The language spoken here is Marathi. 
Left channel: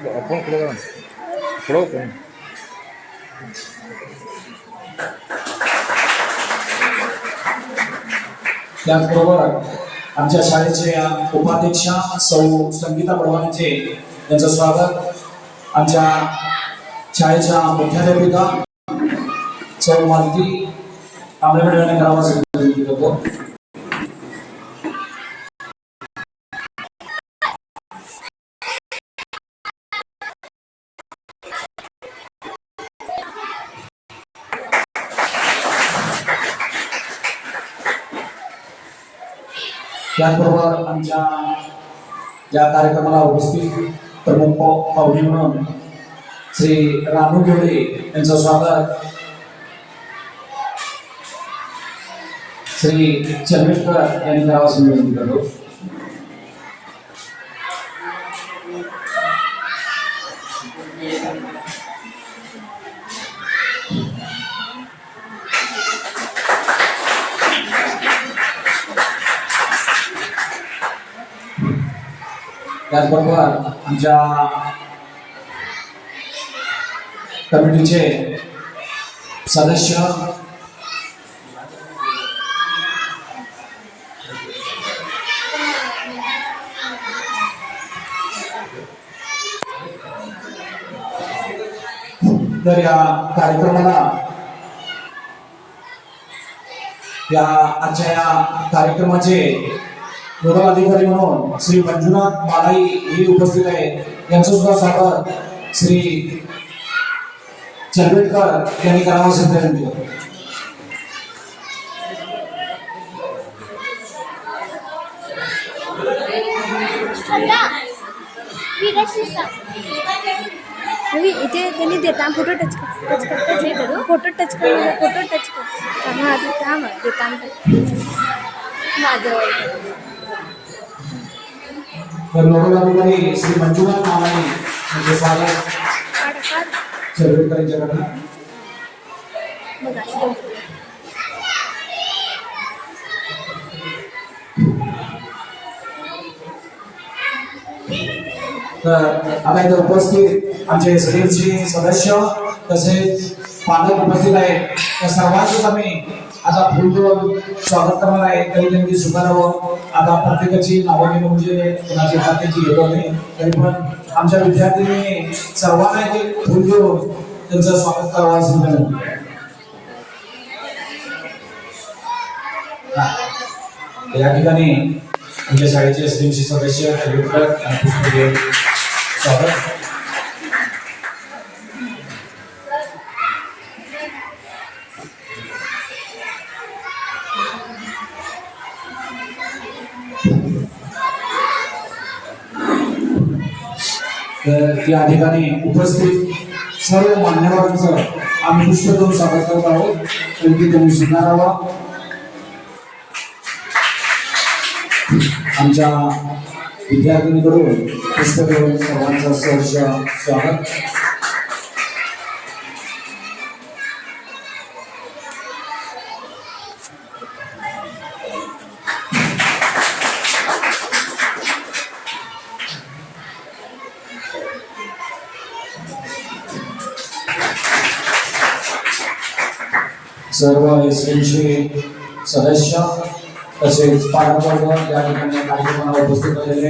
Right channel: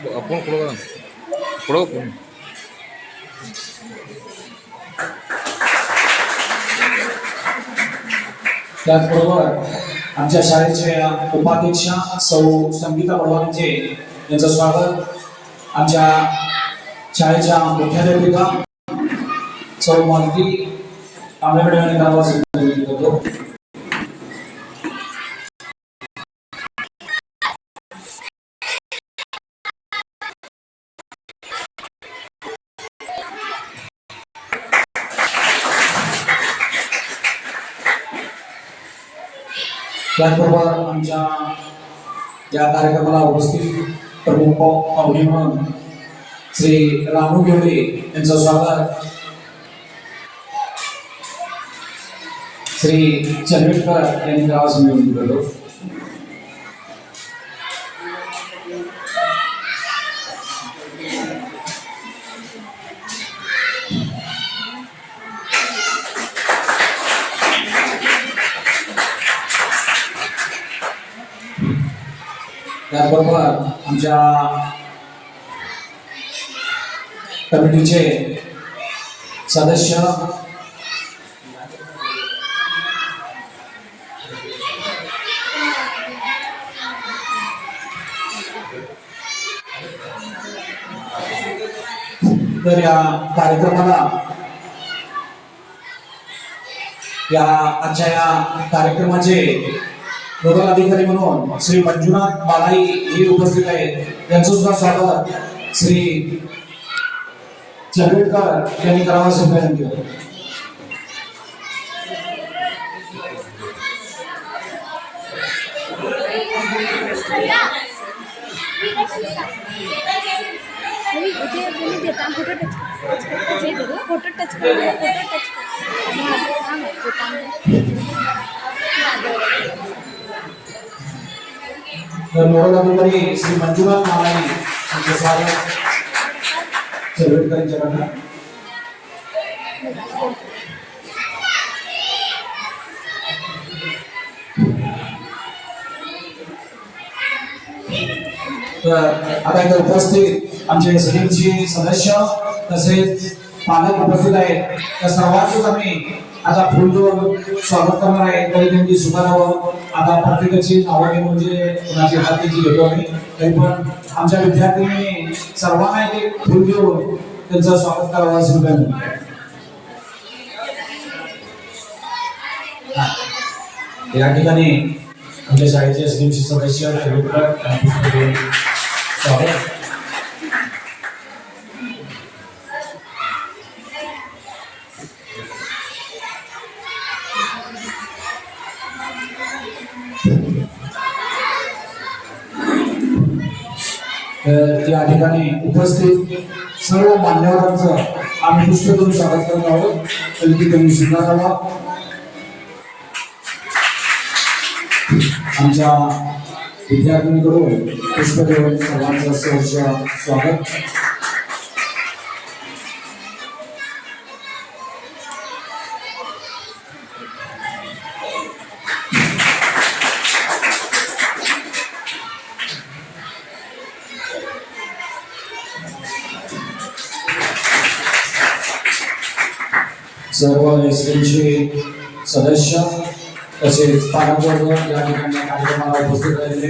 आपण पुढं पुढं त्याचबरोबर आमच्या शाळेच्या उपाध्यक्षा सौ संगीता बडवानीचे यांचं स्वागत आमच्या शाळेच्या मुख्याध्यापिका सौ मालती आंबेडकर यांनी करावं करतो. त्याचबरोबर आमच्या या कार्यक्रमाला उपस्थित प्रमुख पाहुणे म्हणून श्री रानू घेवडे यांचं स्वागत श्री चंद्रेकर यांनी करावं विनंती करतो. त्याचबरोबर आमच्या कमिटीचे सदस्य तर या कार्यक्रमाला आजच्या या कार्यक्रमाचे नोडल अधिकारी म्हणून श्री मंजुनाथ बालाई हे उपस्थित आहेत. यांचं सुद्धा स्वागत श्री चंद्रेकर यांनी करावं असं विनंती करतो. इथे त्यांनी देता फोटो टच कर फोटो टच तर नोडल अधिकारी श्री मंजुनाथ बालाई यांचे स्वागत चंद्रेकर यांच्याकडनं. तर आता इथे उपस्थित आमचे सदस्यचे सदस्य तसेच पालक उपस्थित आहेत. त्या सर्वांचीच आम्ही आता फुल देऊन स्वागत करणार आहे. तरी त्यांची सुखारावं आता प्रत्येकाची नावं घेऊन म्हणजे कोणाची हातीची घेतो आम्ही. तरी पण आमच्या विद्यार्थ्यांनी सर्वांना एक फुल देऊन त्यांचं स्वागत करावं असं विनंती. या ठिकाणी आमच्या शाळेचे एसडीएमसी सदस्य स्वागत. या ठिकाणी उपस्थित सर्व मान्यवरांचं आम्ही पुष्प देऊन स्वागत करत आहोत. तरी त्यांनी स्वीकारावा. आमच्या विद्यार्थ्यांकडून पुष्प देऊन सर्वांचं सहर्ष स्वागत. सर्व एसडीएमचे सदस्य तसेच पालकवर्ग या ठिकाणी कार्यक्रमाला उपस्थित राहिलेले